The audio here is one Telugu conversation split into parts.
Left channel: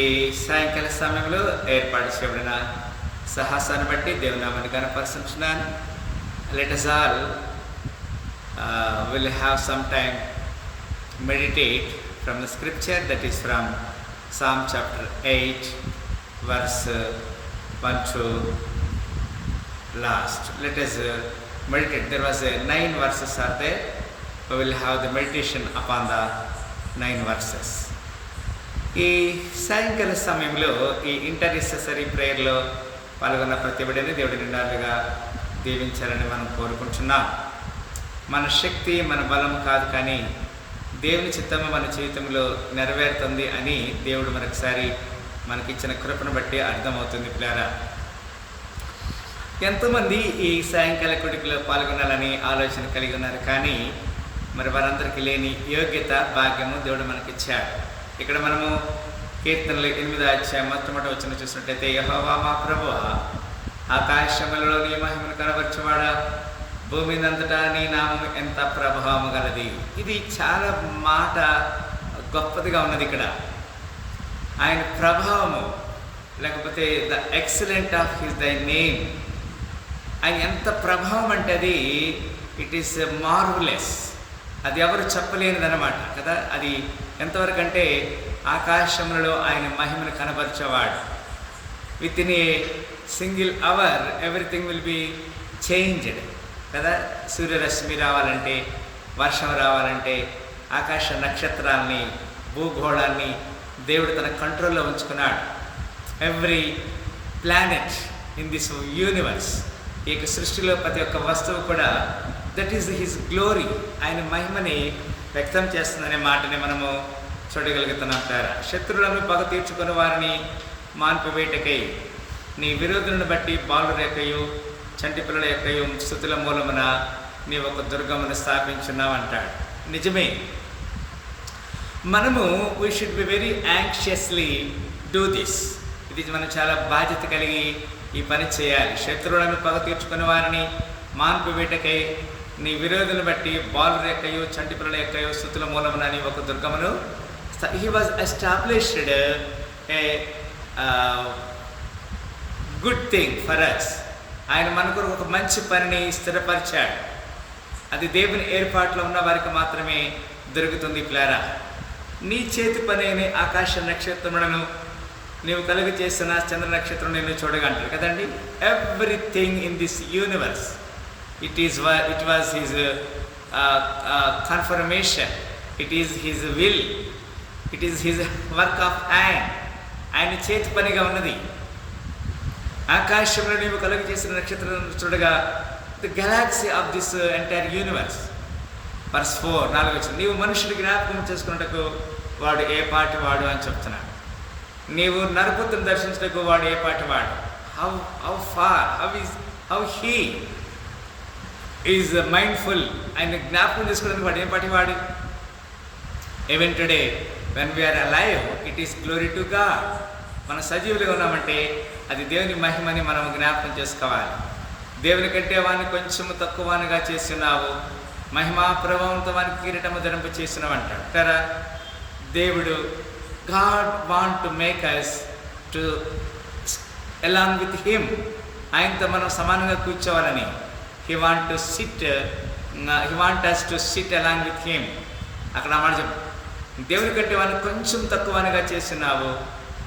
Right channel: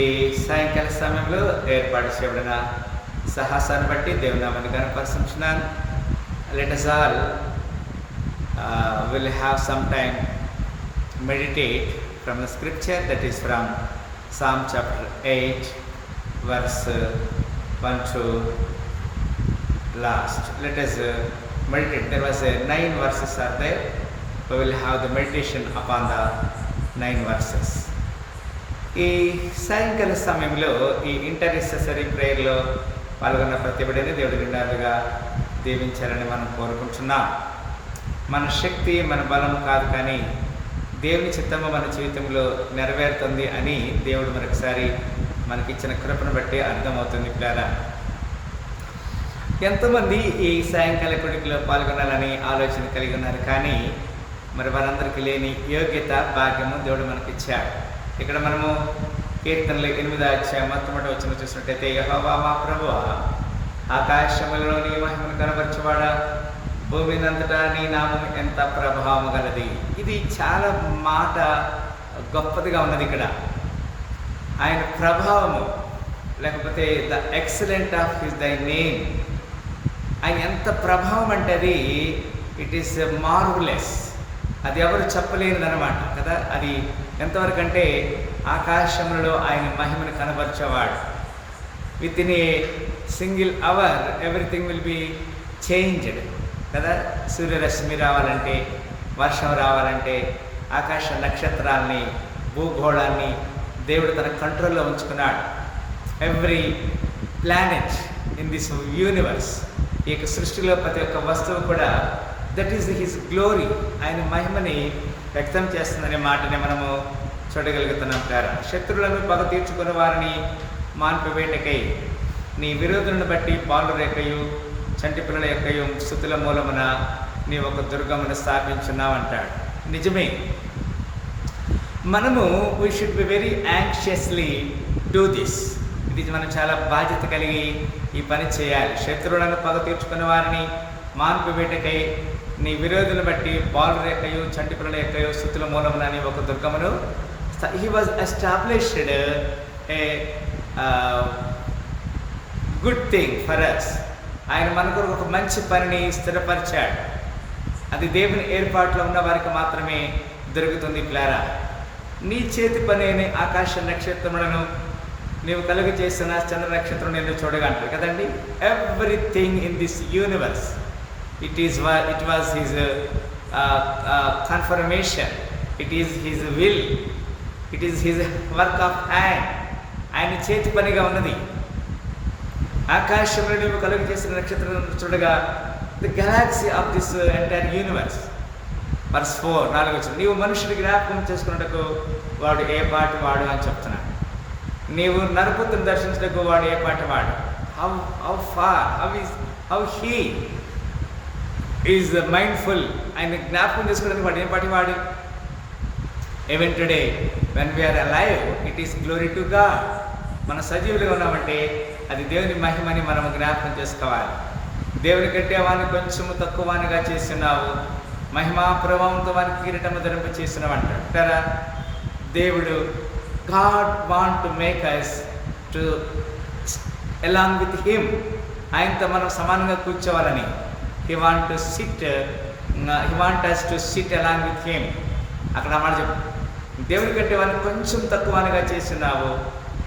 ఈ సాయంకాల సమయంలో ఏర్పాటు చేయబడిన సాహసాన్ని బట్టి దేవుని నామాన్ని కనపరుస్తున్నాను. Let us all will have some time meditate from the scripture, that is from Psalm chapter 8 verse 1 to last. Let us meditate. There was 9 verses are there. We will have the meditation upon the 9 verses. ఈ సాయంకాల సమయంలో ఈ ఇంటర్సెసరీ ప్రేయర్లో పాల్గొన్న ప్రతి బిడ్డని దేవుడి నిండాలుగా దీవించాలని మనం కోరుకుంటున్నాం. మన శక్తి మన బలం కాదు, కానీ దేవుని చిత్తము మన జీవితంలో నెరవేరుతుంది అని దేవుడు మరొకసారి మనకిచ్చిన కృపను బట్టి అర్థమవుతుంది. పిల్లారా, ఎంతోమంది ఈ సాయంకాల కొడుకులో పాల్గొనాలని ఆలోచన కలిగి ఉన్నారు, కానీ మరి వారందరికీ లేని యోగ్యత భాగ్యము దేవుడు మనకిచ్చాడు. ఇక్కడ మనము కీర్తనలు 8వ అధ్యాయం మొట్టమొదటి వచనం చూసినట్టయితే, యెహోవా మా ప్రభువా, ఆకాశములలో నీ మహిమను కనబరచువాడా, భూమినంతటా నీ నామము ఎంత ప్రభావము గలది. ఇది చాలా మాట గొప్పదిగా ఉన్నది. ఇక్కడ ఆయన ప్రభావము, లేకపోతే ద ఎక్సలెంట్ ఆఫ్ హిస్ దై నేమ్, ఆయన ఎంత ప్రభావం అంటే అది ఇట్ ఈస్ మార్వలెస్. అది ఎవరు చెప్పలేనిదన్నమాట కదా. అది ఎంతవరకు అంటే ఆకాశములలో ఆయన మహిమను కనబరిచేవాడు. Within a single hour everything will be changed కదా. సూర్యరశ్మి రావాలంటే, వర్షం రావాలంటే, ఆకాశ నక్షత్రాలని, భూగోళాన్ని దేవుడు తన కంట్రోల్లో ఉంచుకున్నాడు. Every planet in this universe, ఈ యొక్క సృష్టిలో ప్రతి ఒక్క వస్తువు కూడా దట్ ఈస్ హిస్ గ్లోరీ, ఆయన మహిమని వ్యక్తం చేస్తుందనే మాటని మనము చూడగలుగుతున్నాం. పేర శత్రువులను పగ తీర్చుకుని వారిని మాన్పివేటకై నీ విరోధులను బట్టి బాలుర యొక్కయు చంటి పిల్లల యొక్కయు స్తుతుల మూలమున నీ ఒక దుర్గమును స్థాపించున్నావు అంటాడు. నిజమే, మనము we should be very anxiously do this. ఇది మనం చాలా బాధ్యత కలిగి ఈ పని చేయాలి. శత్రువులను పగ తీర్చుకుని వారిని మాన్పివేటకై నీ విరోధులను బట్టి బాలుర యొక్కయు చంటి పిల్లల యొక్కయు స్తుతుల మూలమున నీ ఒక దుర్గమును. He was established a good thing for us. ఆయన మన కొరకు ఒక మంచి పనిని స్థిరపరిచాడు. అది దేవుని ఏర్పాట్లో ఉన్న వారికి మాత్రమే దొరుకుతుంది. పిల్లారా, నీ చేతి పని అయిన ఆకాశ నక్షత్రములను నీవు కలుగు చేసిన చంద్ర నక్షత్రం నేను చూడగంటారు కదండి. Everything in this universe it was his confirmation, it is his will, it is his work of hand. ఆయన చేతి పనిగా ఉన్నది. ఆకాశంలో నీవు కలుగు చేసిన నక్షత్రం చూడగా the galaxy of this entire universe. Verse 4 నీవు మనుషుడి జ్ఞాపకం చేసుకున్నట్టుకు వాడు ఏ పాటి వాడు అని చెప్తున్నాడు. నీవు నరపుత్రుని దర్శించటకు వాడు ఏ పాటి వాడు. How he is mindful. ఆయన జ్ఞాపకం చేసుకోవడానికి వాడు ఏం పాటి వాడు. Even today when we are alive it is glory to God. మన సజీవులుగా ఉన్నామంటే అది దేవుని మహిమని మనం జ్ఞాపకం చేసుకోవాలి. దేవుని కంటే వాడిని కొంచెము తక్కువగా చేస్తున్నావు, మహిమా ప్రభావంతో వానికి కిరీటము ధరింప చేస్తున్నావు అంటాడు. కదా, దేవుడు God want to make us to along with him. ఆయనతో మనం సమానంగా కూర్చోవాలని. He want us to sit along with him. అక్కడ మాట చెప్పు, దేవుని కంటే వాడిని కొంచెం తక్కువగా చేస్తున్నావు,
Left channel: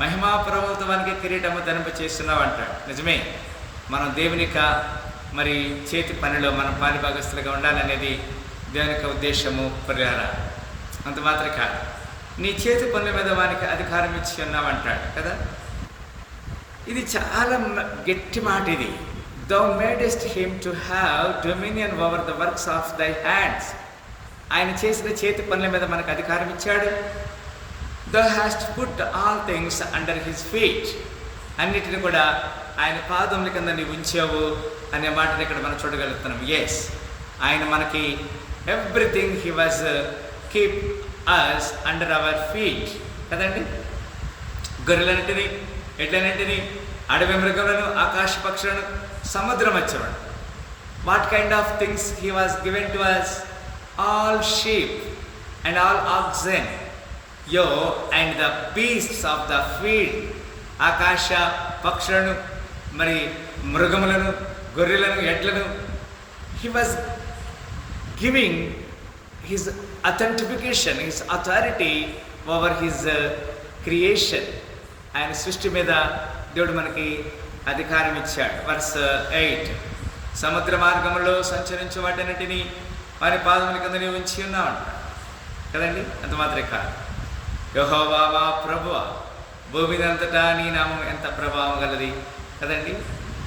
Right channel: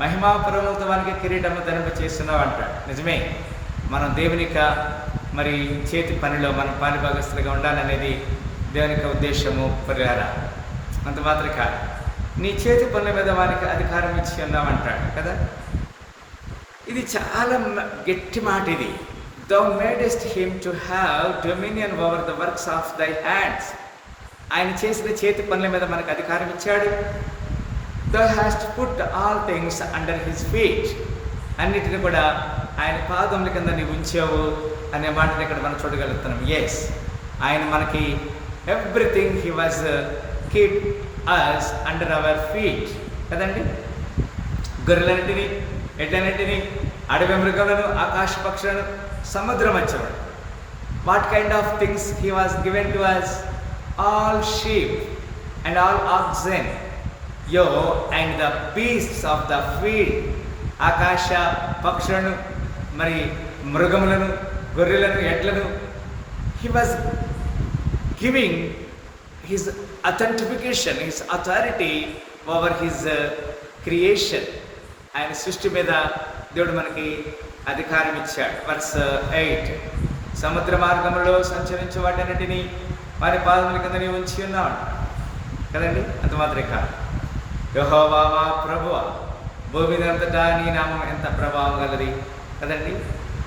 మహిమా ప్రభావంతో వానికి కిరీటము ధరింప చేస్తున్నావు అంటాడు. నిజమే, మనం దేవుని మరి చేతి పనిలో మనం పాలిభాగస్తులుగా ఉండాలనేది దేవుని యొక్క ఉద్దేశము. పరిహారా అంత మాత్రం కాదు, నీ చేతి పనుల మీద వానికి అధికారం ఇచ్చి ఉన్నావు అంటాడు కదా. ఇది చాలా గట్టి మాట. ఇది Thou madest him to have dominion over the works of thy hands. ఆయన చేసిన చేతి పనుల మీద మనకు అధికారం ఇచ్చాడు. Thou hast put all things under his feet. అన్నిటిని కూడా ఆయన పాదముల కింద నీవు ఉంచావు అనే మాటని ఇక్కడ మనం చూడగలుగుతున్నాం. ఎస్, ఆయన మనకి everything he was keep us under our feet కదండి. గొర్రెలన్నింటినీ, ఎడ్లన్నింటినీ, అడవి మృగములను, ఆకాశ పక్షులను, సముద్ర మత్స్యములను. What kind of things he was given to us? All sheep and all oxen. Yea and the beasts of the field, ఆకాశ పక్షులను, మరి మృగములను, గొర్రెలను, ఎడ్లను. He was giving his authentication, his authority over his creation. ఆయన సృష్టి మీద దేవుడు మనకి అధికారం ఇచ్చాడు. వర్స్ 8, సముద్ర మార్గంలో సంచరించే వాటన్నిటినీ వారి పాదముల కింద నీవు ఉంచి ఉన్నావు కదండి. అంత మాత్రమే కాదు, యెహోవా మా ప్రభువా, భూమి మీద అంతటా నీ నామం ఎంత ప్రభావం గలది కదండి.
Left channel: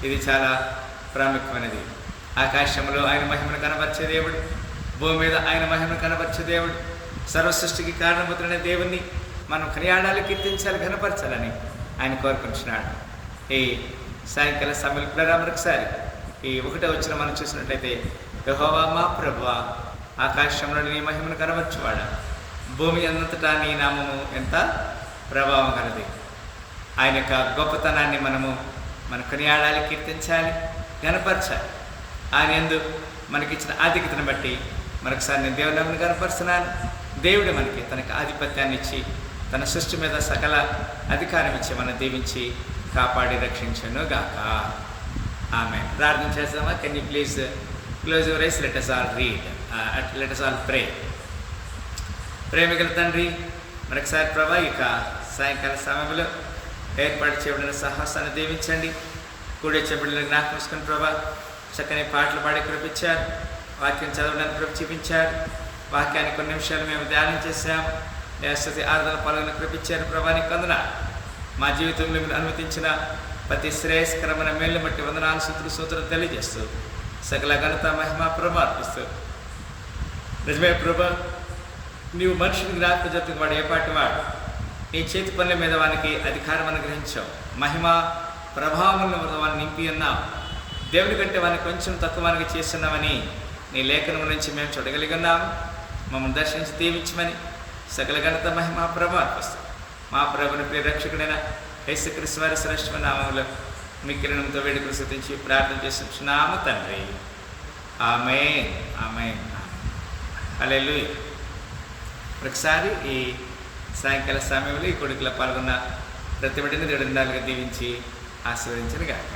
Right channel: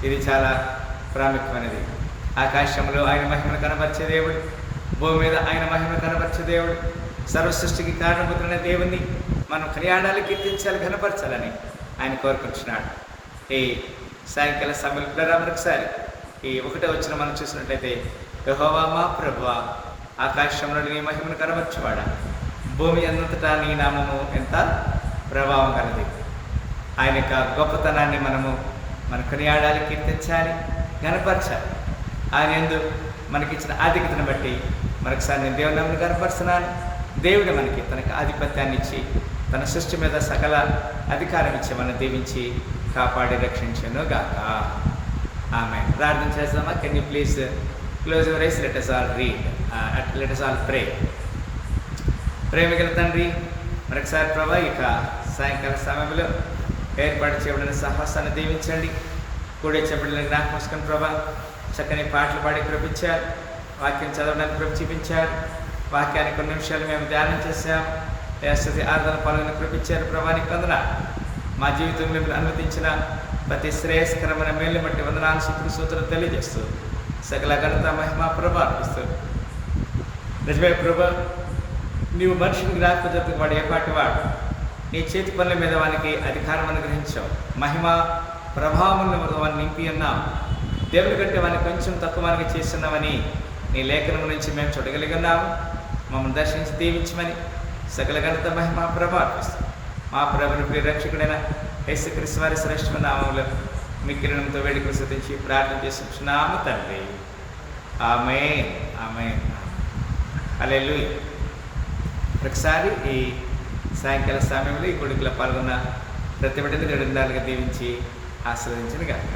ఇది చాలా ప్రాముఖ్యమైనది. ఆకాశంలో ఆయన మహిమను కనపరిచే దేవుడు, భూమి మీద ఆయన మహిమను కనపరిచే దేవుడు, సర్వ సృష్టికి కారణముద్రైన దేవుణ్ణి మనం కొనియాడాలి, కీర్తించాలి, కనపరచాలని ఆయన కోరుకుంటున్నాడు. ఈ సాయంకాల సమయంలో మరొకసారి ఈ 1వ వచనం మనం చూసినట్లయితే, యెహోవా మా ప్రభువా, ఆకాశంలో నీ మహిమను కనపరచువాడా, భూమి అంతటా నీ నామము ఎంత ప్రభావం కలది. ఆయన యొక్క గొప్పతనాన్ని మనం కొనియాడాలి, కీర్తించాలి, కనపరచాలి. ఆయన యందు మనకిచ్చిన ఆధిక్యతను బట్టి మరొకసారి నేను దేవుని నామమును కనపరుస్తున్నాను. దేవుడు మనకి తనకు ఆధిపత్యాన్ని ఇచ్చి, తన సృష్టి మీద సకల అధికారం ఇచ్చి మనం దీవించి కాపాడి రక్షించను గాక. ఆమె ప్రార్థన చేస్తామా? Can you please close your eyes? Let us all read, let us all pray. ప్రేమికుల తండ్రి, మరొకసారి ప్రభా ఇక సాయంకాల సమయంలో ఏర్పాటు చేయబడిన సాహసాన్ని దీవించండి. కూడే చెప్పబడిన జ్ఞాపకం ప్రభా, చక్కని పాటలు పాడి కృపించారు, వాక్యం చదవడానికి చూపించారు, వాక్యాన్ని కొన్ని నిమిషాలు మేము ధ్యానం చేశాము. స్తుతి ఆరాధన పాల్గొని కృపించారు ప్రభా, నీకు వందనాలు. మా జీవితంలో మీరు అనుమతించిన ప్రతి శ్రేయస్కరమైన మేలు బట్టి వందనాలు, స్తుతులు, స్తోత్రాలు తెలియజేస్తూ సకల ఘనత మహిమ ప్రభావిస్తూ, నిజమే ప్రభా, నీవు మనుషుని జ్ఞాపకం చెప్తున్న వాడు ఏ పాటి వాడు, నీ చేతి పనుల మీద వానికి అధికారం అనుగ్రహించావు, మహిమ ప్రభావములను వాడిని నింపి ఉన్నావు. దేవుడి కంటే వాడిని కొంచెం తక్కువగా చేస్తున్నామని నీ లేఖనం నుంచి మేము చూడగలిగినాము. మమ్మల్ని దర్శించి దీవించమని సకల ఘనత మహిమ ప్రభావిస్తాం. మా ప్రభుని ప్రియ రక్షకుడైన యేసుక్రీస్తు వారి శ్రేష్ఠమైన నామములో మిక్కిలినంతో వేడుకలు స్తుతించి ప్రార్థన చేస్తున్నాము తండ్రి. ఆమేన్, ఆమేన్, హల్లెలూయా. ఒకసారి ఈ సాయంకాల సమయంలో ఈ కొడుకులో పాల్గొన్న ప్రతి బిడ్డని దేవుడు దీవించి ఆశీర్వదించిన గాక.